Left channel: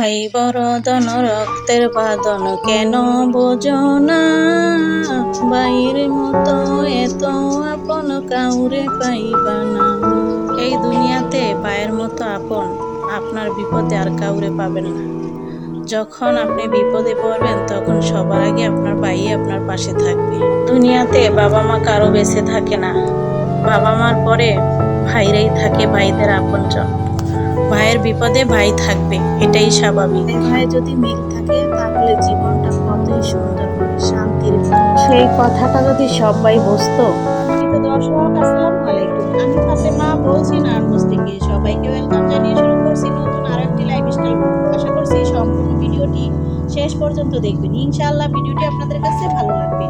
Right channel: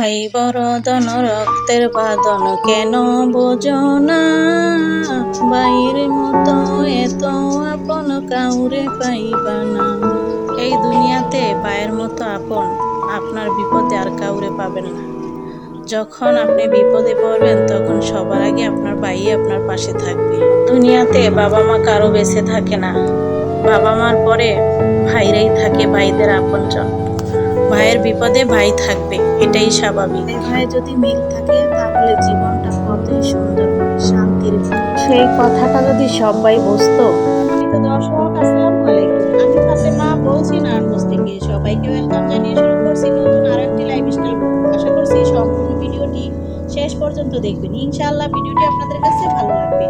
ভাই বরদন রক্তের বাঁধন কেন বোঝো না, ভাইয়ের মতো এত আপন কাউরে পাইবা না। এই দুনিয়াতে ভাইয়ের মতো আপন আপনার বিপদে আর কাউরে পাবেন না। যখন আপনি বিপদে পড়বেন তখন সবার আগে আপনার ভাই আপনার পাশে থাকবে। দুনিয়াতে বাবা মা কারো বেঁচে থাকে না, বাবা মার পরে ভাইরাই থাকে ভাইদের আপনজন। ভাইয়ের বিপদে ভাই থাকবে, এটাই স্বাভাবিক। ভাই যদি মিল থাকে তাহলে জীবনটা কতই সুন্দর হয়, শান্তির। সেই কথাটা যদি সবাই বুঝতো। সম্মানিত দর্শক, আসসালামু আলাইকুম। আমি ফাতেমা বলছি নারায়ণগঞ্জ থেকে। সবাইকে ওয়েলকাম জানিয়ে শুরু করছি নতুন আরো একটি লাইফস্টাইল ব্লগ। আশা করছি সম্পূর্ণ ভিডিওটি শেষ পর্যন্ত দেখবেন, ইনশাআল্লাহ ভিডিওটি আপনাদের কাছে ভালো লাগবে।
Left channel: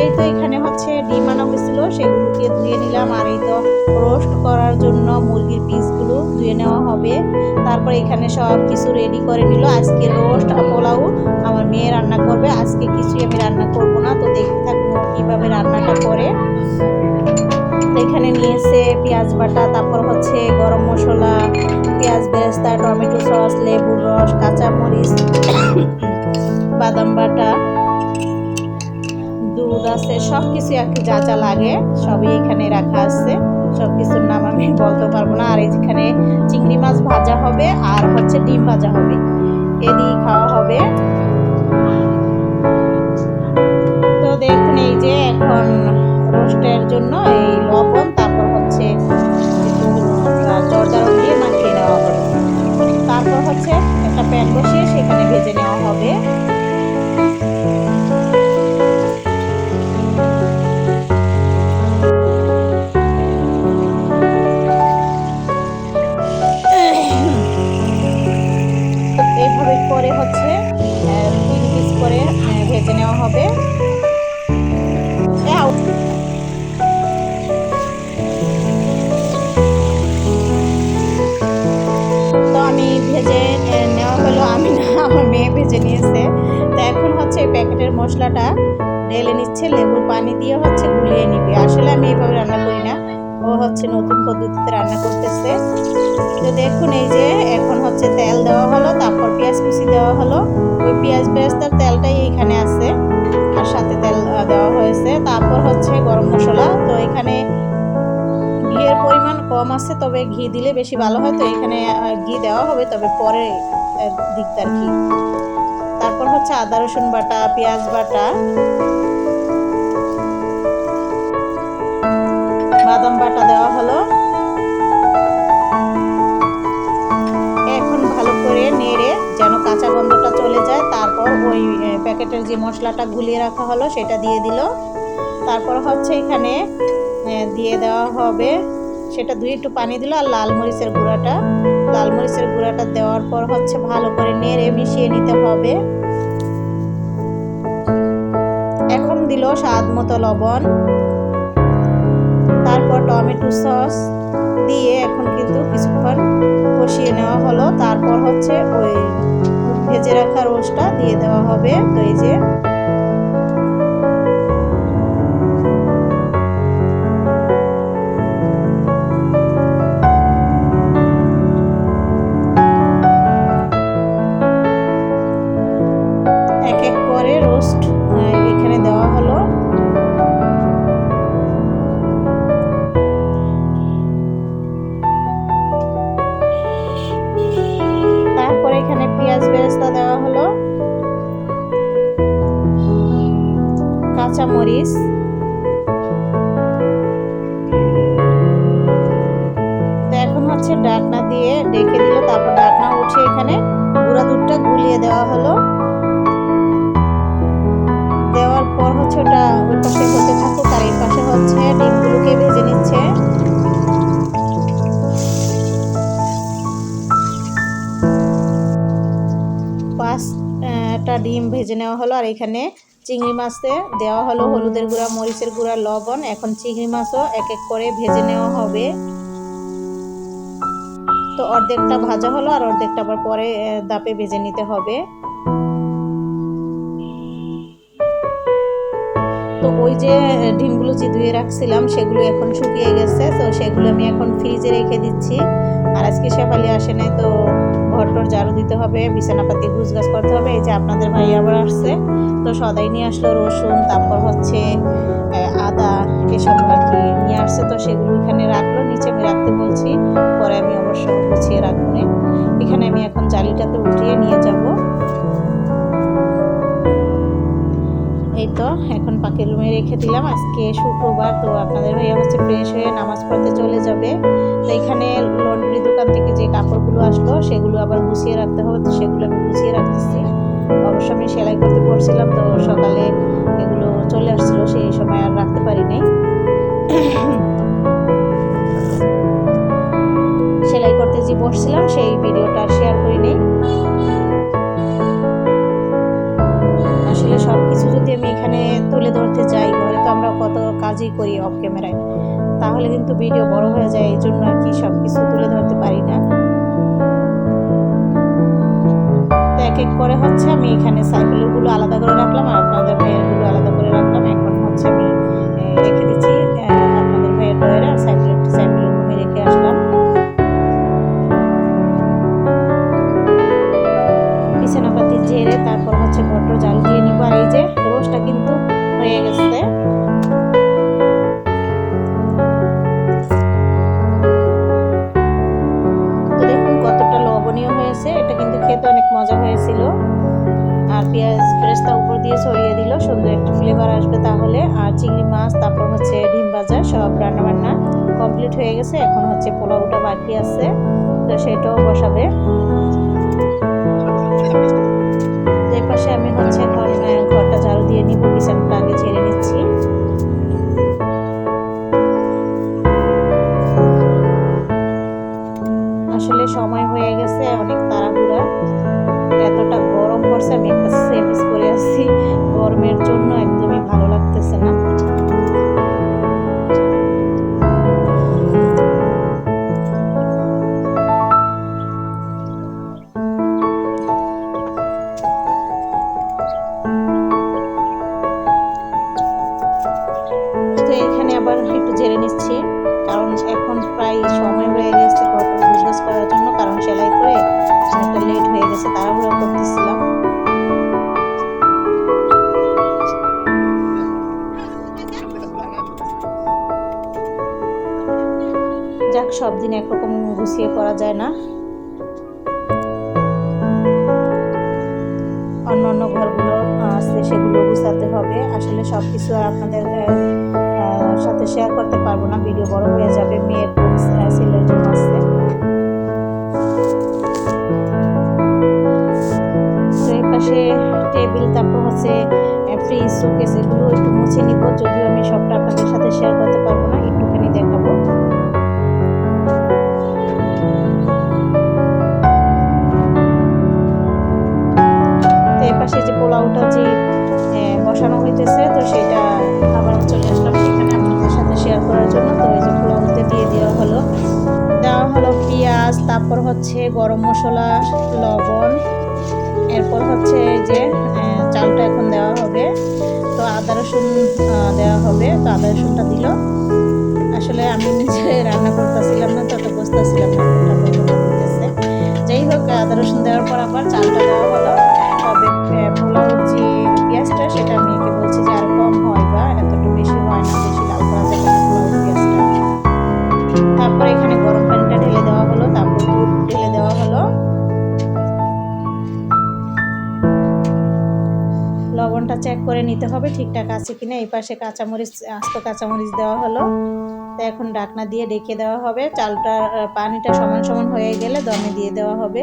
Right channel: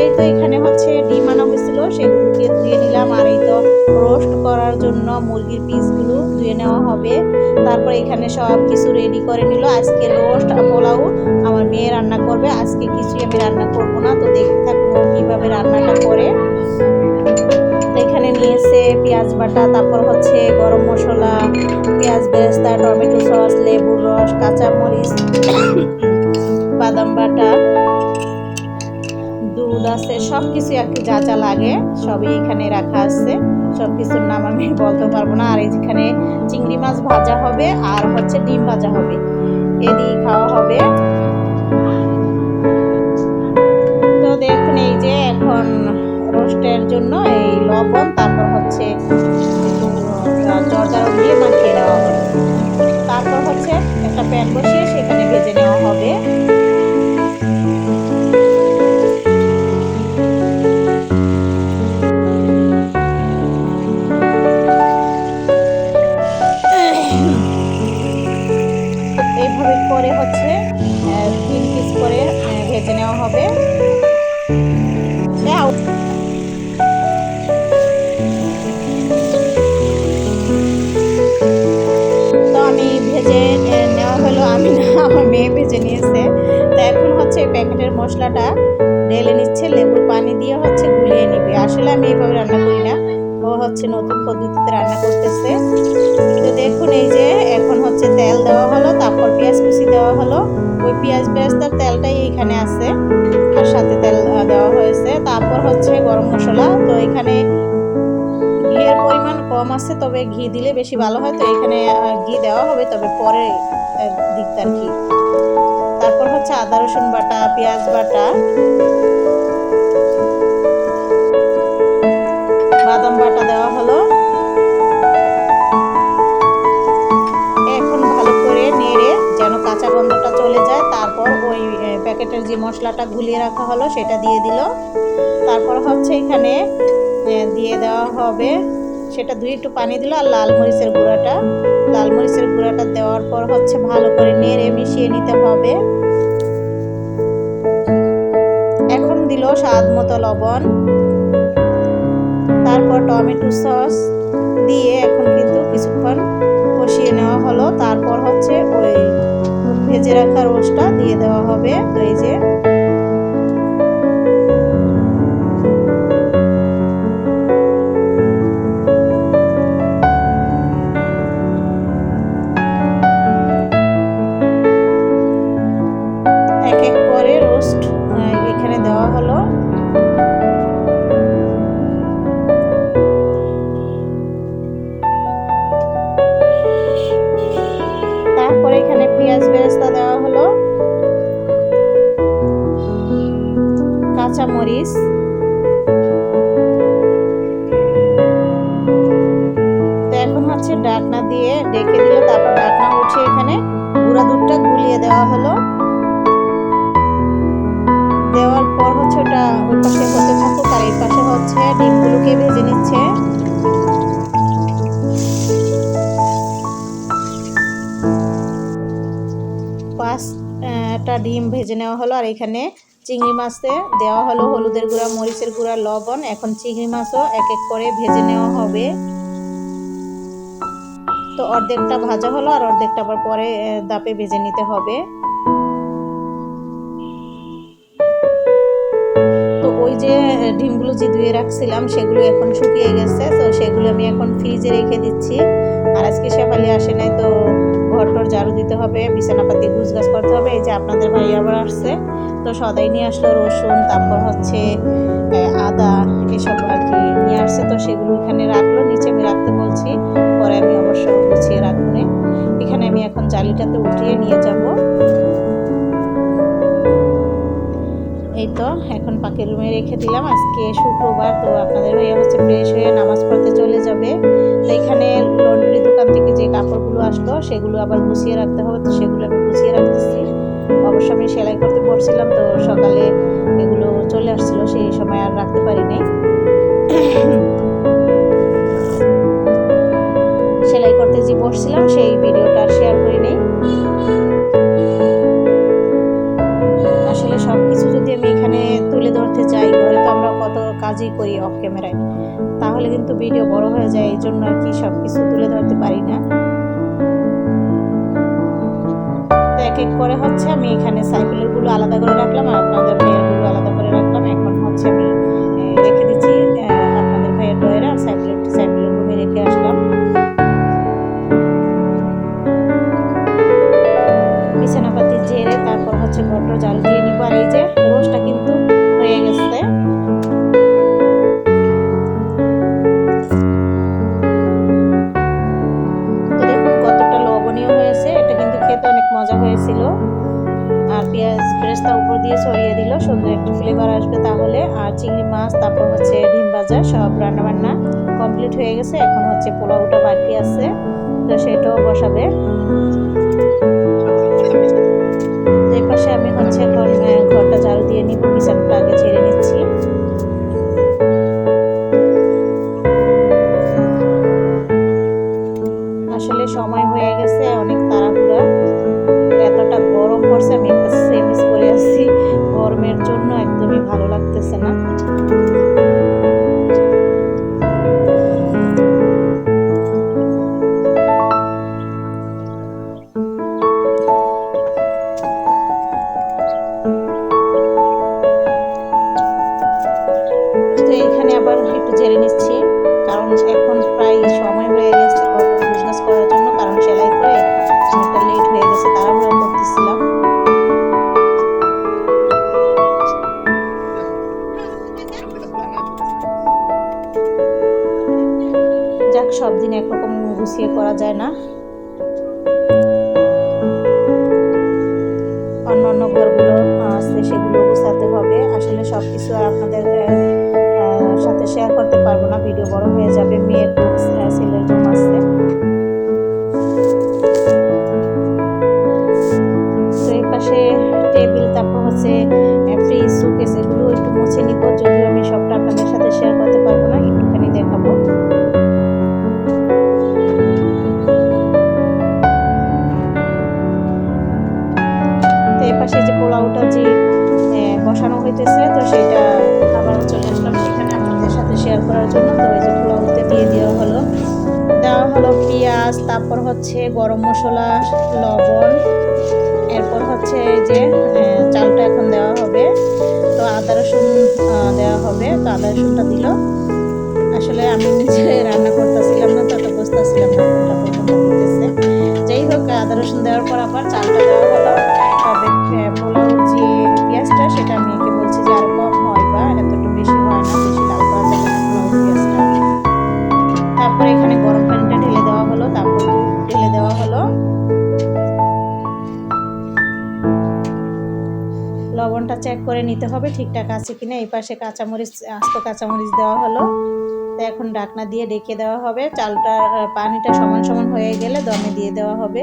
এই তো এখানে হচ্ছে ডিম আনা হয়েছিল, সেগুলোকে ধুয়ে নিলাম। আর এই তো রোস্ট করার জন্য মুরগির পিসগুলো ধুয়ে নেওয়া হবে। তারপর এখানে সব কিছু রেডি করে নিল। আজকে রোস্ট পোলাও আমার মেয়ে রান্না করবে, আজকে কিছুই আমি রান্না করব না। তো দেখতে থাকুন ও কিভাবে রান্নাটা করে। এখানে নিয়েছে পেঁয়াজ বাটা, তারপর হচ্ছে গরম মশলা, পেঁয়াজ বেরেস্তা, টমেটো সস, লেবুর রস, কাঁচামরিচ, বাদাম বাটা, দুধ আছে, সব কিছু আর কি যা যা লাগে সবই এখানে রাখা আছে। সব কিছুর নাম আমি বলতে পারবো না। আর এখানে চিংড়ি মাছ ভাজা হবে আর হচ্ছে ডিম ভাজা হবে, এদিকে খাওয়া হবে। তো দেখুন এই যে এখন রোস্টের জন্য এই লবণ, তারপর হচ্ছে একটু জর্দারন দিয়ে মাখিয়ে নেওয়া হলো। তারপর হচ্ছে একটা প্যান বসিয়ে সেখানে ভেজে নেওয়া হবে। এইভাবে করে হচ্ছে 3 পিস করে ভেজে নেওয়া হবে। তো আমি ভেজে নেওয়া হলো, আমি না আমার মেয়ে ভেজে নিয়েছে। তো এখন হচ্ছে এই প্যাকেটের মশলাটা ঢেলে নিচ্ছে, লেবুর পানি দিয়ে হচ্ছে গুলিয়ে নিবে। আসলে আমি এইভাবে রান্না করি না, ও হচ্ছে নতুন পদ্ধতিতে রান্না করতেছে। তো দেখুন এই যে এখন হচ্ছে তেল দেওয়া হলো, তারপর পেঁয়াজ কুচি দেওয়া হলো। ওই পেঁয়াজ বেরেস্তার তেলটাই এইখানে আছে আর সাথে তেল দেওয়া হয়েছে। তারপর হচ্ছে গরম মশলা। তো এখানে ঘিয়ের পরিমাণ কম আছে, তবে ঘি দিলে বেশি ভালো হয়। তো এখানে ঘি দেওয়া হবে, তবে পরে দিকটা আর কি। তারপর হচ্ছে আদা রসুন বাটা, পেঁয়াজ বাটা, বাদাম বাটা দেওয়া হলো। এখন ভালো করে নেড়ে যেন কাঁচা গন্ধটা চলে যায়। তারপর ওই প্যাকেটের যে মশলাটা গুলিয়ে রাখা হলো সেটা দিয়ে দিল। তারপর হচ্ছে এখানে দিয়ে দেওয়া হবে, সেটা ধুয়ে একটু পানি দিল, আর লাল মরিচের গুঁড়াটা দেওয়ার পর হচ্ছে ভালো করে নেড়ে মিশিয়ে নিতে হবে। এখন দিল স্বাদ মতো লবণ, তারপর টমেটো সস দিয়ে এখন কিন্তু কিছুক্ষণ কষিয়ে নেওয়া হলো। তারপর হচ্ছে ওই ভেজে রাখা রোস্টটা দিয়ে দেওয়া হবে। তো এই যে এক এক করে রোস্ট এখানে দেওয়া হলো। তারপরে এখানে পেঁয়াজ বেরেস্তা দেওয়া হলো, কাঁচামরিচ, তো এখন হচ্ছে ঢাকনা দিয়ে ঢেকে দিল। তারপর ঢাকনা উঠিয়ে এখানে গুঁড়া দুধটা গুলিয়ে দেওয়া হলো। দেওয়ার পর হচ্ছে ওটা ওই পাশে হতে থাকুক, আর এই পাশে হচ্ছে ডিমগুলোকে ভেজে নিচ্ছে। পাঁচটা ডিম ভেজে নেওয়া হলো। আর এখানে চিংড়ি মাছে দেওয়া হলো হলুদের গুঁড়া, মরিচের গুঁড়া, লবণ। এখন চিংড়ি মাছও এক এক করে ভেজে নেওয়া হবে। তো অর্ধেকটা ভাজা হলো আর অর্ধেকটা আবার পরে দাপে ভেজে নিতে হবে। তো ওই ওই যে ডিমগুলো যে ধুয়ে রাখছিলাম সেগুলো এখন শুকিয়ে গেছে, তো সেগুলো আমি এখন ফ্রিজে রেখে দিচ্ছি। আর আজকে শেফালি আসে নাই, তো ঘরটর ঝাড়ু দিতে হবে, বিছানাপাতি গুছগাছ করতে হবে। এই যে আপনাদের ভাই আবার আসছে, তো সদাই নিয়ে আসলো রসুন, তারপর হচ্ছে আদা, এসব আর কি নিয়ে আসছে। তো সেগুলো এখানে রাখলো, নিচে আমি রাখতে বলছি, পরে আমি অবশ্য গুছিয়ে রাখবো না। এখানে আমি এখন জালিটাতে উঠিয়ে নিয়ে যাব। এই তো এখন পাখির রুমে রেখে দিলাম। আজকে শুক্রবার, তো আপনাদের ভাইয়া হচ্ছে ফ্রেশ হয়ে নামাজ পড়তে চলে যাবে। তো এখানে লন্ড্রি দোকান থেকে যে কাপড়গুলো আসলো সেগুলো আবার গুছিয়ে রাখতে হবে, তো সেগুলো আমি গুছিয়ে রাখতেছি। অবশ্য আমি সেলাই করতে পড়ছিলাম, তো সকালে এগুলো চলে আসছিল, সেই সময় আর রাখতে পারিনি। সেলাই করতে যে বসছিলাম সেই ভিডিওটা আর শেয়ার করিনি। আসলে সব কিছু যদি আমি এখানে তুলে ধরতে যাই, ঘরে তো আমরা কত কাজই করি অফ ক্যামেরায়, তাহলে কিন্তু ভিডিও বড় হয়ে যায়, এই জন্য আর কি সব কিছু তুলে ধরতে পারি না। তো এক এক করে হচ্ছে আমি এখানে সাইকেলগুলো আলাদা করে রাখলাম, আর আপনাদের ভাইয়েরগুলো আলাদা করে রাখলাম। এখন হচ্ছে আমি রেখে দিচ্ছি আপনাদের ভাইয়ের ডয়ের, আর সাইকেলের রুমে রেখে আসলাম। বিছানাপাতি ঝেড়ে তারপর হচ্ছে ঘরটা ঝাড়ু দিয়ে নিব। আর এই যে রোস্টটা কিন্তু হয়ে গেছে। তো দেখুন কতটা লবণীয় হয়েছে, এটা কিন্তু খেতে অনেক মজা হয়েছিল। আর পেঁয়াজ ব্রেস্তা উপর দিয়ে ছড়িয়ে দিল, সুন্দর একটা ফ্লেভার আসবে তাহলে। আর চিংড়ি মাছ, তারপর হচ্ছে ডিম ভাজা, সব রান্নাবান্না কমপ্লিট হয়ে গেছে। এখন হচ্ছে পোলাওটা বাকি আছে, তো সেটাও বসাবে। এই পাশে আমি হচ্ছে এখন ঘরটা ঝাড়ু দিয়ে নিব, বিছানাটা আগে ঝেড়ে নিচ্ছি। আসলে সময় হয়ে গেছে, অনেক তাড়াহুড়া, এতটা গরম পড়ছে, আমি একটা সেমিস করে আসছি, গরমের জন্য একদমই ভালো লাগতেছে না। তো এইখানে আবার একটু ঝেড়ে নিচ্ছি, কারণ এখন প্রায় সময় হয়ে গেছে ঘরটা গুছগাছ করার জন্য, কারণ সেলাই করে অনেকটা লেট হয়ে গেছে, তাড়াহুড়া করতেছিলাম। যাক, সব দিন একরকম গুছিয়ে করা যায় না, অন্য অন্য ঘরগুলো আছে সেগুলো গুছাতে হবে। আসলে সব কিছু আর আপনাদের সাথে শেয়ার করতে পারবো না, ভিডিও বড় হয়ে যাবে। মেয়ের রুম, ছেলের রুম আছে, তো এই পাশে টেবিল, তারপর হচ্ছে ফ্রিজ, শোকেস, এগুলো একটু মুছে নিব। যদিও আমি সবটা আপনাদের সাথে শেয়ার করতে পারবো না, একটুখানি দেখাবো। তো এই পাশে যে পোলাওটা যে বসানো হইতেছে, তো সেটা আবার চলে আসলাম সেখানে আপনাদের সাথে শেয়ার করার জন্য। তো এই যে পোলাওতে দিয়ে দেওয়া হলো পেঁয়াজ, তারপর হচ্ছে গরম মশলা, লবণ, এরপর হচ্ছে এই যে চালটা এখন দেওয়া হবে। তো আদা রসুন দেওয়া হবে, তো আদা রসুনটা দিল। আসলে আমি নিজে রান্না করতেছিলাম না, তত বুঝতেছিলাম না কোনটা প্রথমটা দিতেছে। যাই হোক, আদা রসুন দেওয়ার পর আবার চালটা দেওয়া হলো। তবে পোলাওর যে পেঁয়াজটা, সেটা আমি একে বলছি যে আর কম হয়, বা এতটা বেশি হয় না, বেশি লাল করা যাবে না পোলাওর পেঁয়াজটা। তারপর এখানে গরম পানিটা ঢেলে দেওয়া হলো, তারপর দুধ ঢেলে দেওয়া হলো। লবণটা চেক করে নিতে হবে ঠিকঠাক আছে কিনা। এই পাশে কাঁচামরিচ, আস্ত কাঁচামরিচ দেওয়া হলো। তো এখন ঢাকনা দিয়ে ঢেকে দেওয়া হবে। চালটা, পানিটা সমান সমান হয়ে গেলে দমে দিয়ে দেওয়া হবে।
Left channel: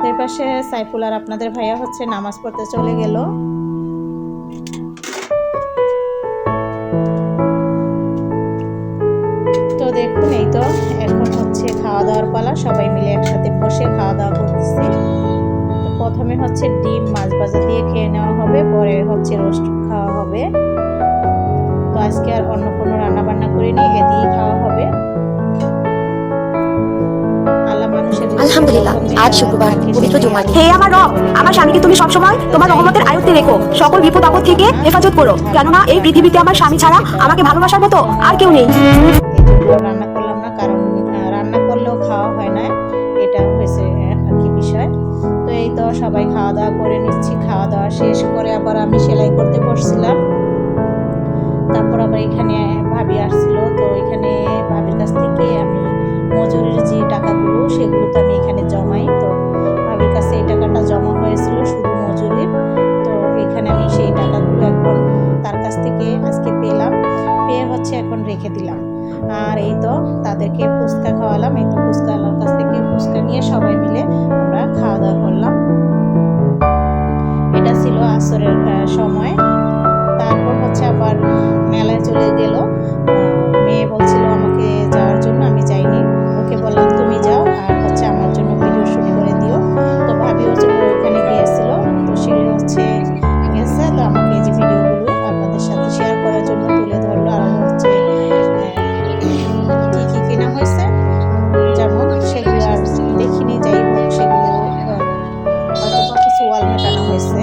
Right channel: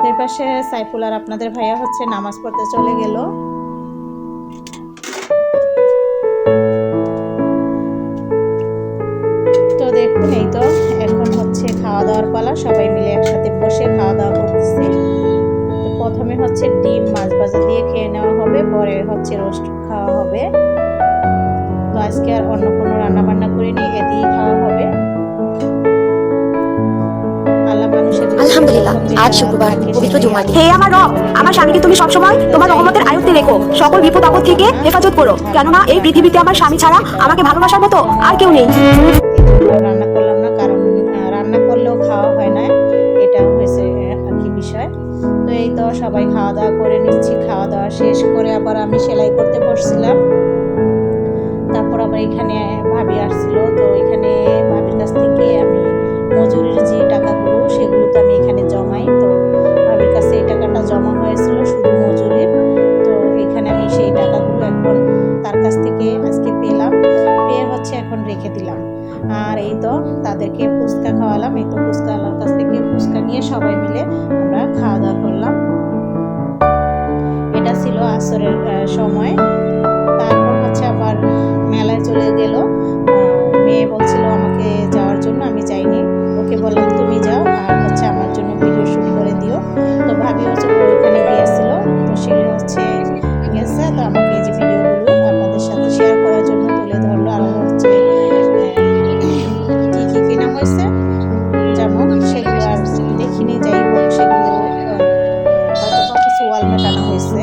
তো এই পাশে সাইফুল আর আপনাদের ভাইয়া হচ্ছে নামাজ পড়তে চলে গেল। তো দেখুন, এই তো এখন হচ্ছে খাওয়া দাওয়ার পালা, সবাই মিলে একসাথে বসে খাওয়া দাওয়া করতেছি। তো প্রথমে হচ্ছে ডিম মাছ ভাজা দিয়ে খেয়ে নেওয়া হবে, পরে হচ্ছে রোস্ট খাওয়া হবে। তো আজকে আর অন্য কোনো রান্না বান্না করিনি, এ দিয়েই খাওয়া হবে। আল্লাহ মানুষের আলহামদুলিল্লাহ, আজ শুক্রবার পবিত্র জুমার দিন। হে আমার রব, আমার স্বামীকে তুমি সবসময় তোমার রহমতের আয়ত্তে রেখো, সকল বিপদ আপদ থেকে হেফাজত করো, কেননা এই পৃথিবীতে আমার স্বামী ছাড়া আমাকে ভালোবাসার মতো আর কেউ নেই। রান্না করলাম না, কারণ রান্না করলেও খাওয়া হয় না, এটা হয়েছে আর কি বিষয়। তো এই তো সবাই খাওয়া দাওয়া করে নিচ্ছি, খাওয়া দাওয়া শেষ করে আবার আমি সেলাই করতে বসছিলাম। তারপর আবার এখানে ভাবি আসছিল, তো এখানে ভাবির কাছ থেকে আমি মজুরির যে টাকাগুলো সেগুলো তো আমি এখানে জমাই। তো ভাবির কাছে এই টাকাটা জমা হয়েছিল শুধু মজুরির, তো এখানে আমি সেই টাকাগুলো এখন তার কাছ থেকে আজকে পেয়ে হচ্ছে এখন রেখে দিলাম। আর এই তো তাদেরকে ফুচকা খাওয়ালাম, এই তো ফুচকা আলার কাছ থেকে ফুচকা নিয়ে সবাই মিলে আমরা খাওয়া দাওয়া করলাম। এটা ছিল আসরের সময়। তারপর হচ্ছে আবার মেলায় চলে গেল। মেয়ে বলছিল আমাকে যাওয়ার জন্য, আমি যাইনি, ওকে বললাম তুমি যাও আর হচ্ছে আমার জন্য ভিডিও শুট করে দিও। তো ভাবি হচ্ছে ওইখানে গিয়েছিল, তো সে হচ্ছে গেছে, তো আমাকে এই যে ভিডিওগুলো আপনাদের সাথে শেয়ার করার জন্য তুলে ধরলো। আর হচ্ছে কী কী কেনা হয়েছে যেমন সেগুলো আর দেখিনি, যাই হোক সেগুলো হয়তো কিছু ওয়ালমেট আনা হয়েছে,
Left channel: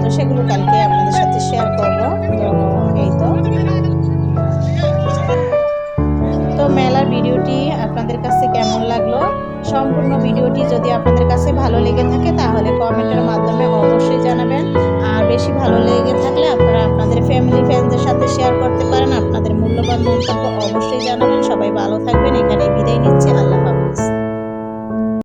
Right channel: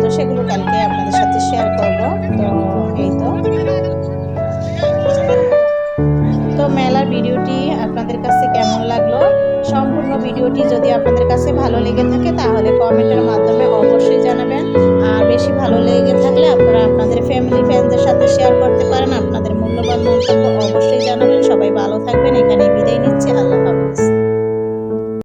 তো সেগুলো কালকে আপনাদের সাথে শেয়ার করব। তো এই তো মেলার ভিডিওটি আপনাদের কাছে কেমন লাগলো, সম্পূর্ণ ভিডিওটি যদি আপনাদের কাছে ভালো লেগে থাকে তাহলে কমেন্টের মাধ্যমে অবশ্যই জানাবেন। আর বেশি ভালো লেগে থাকলে আপনারা আপনাদের ফ্যামিলি ফ্রেন্ডসদের সাথে শেয়ার করতে পারেন, আপনাদের মূল্যবান মন্তব্য অবশ্যই জানাবেন। সবাই ভালো থাকবেন, এখানেই বিদায় নিচ্ছি, আল্লাহ হাফেজ।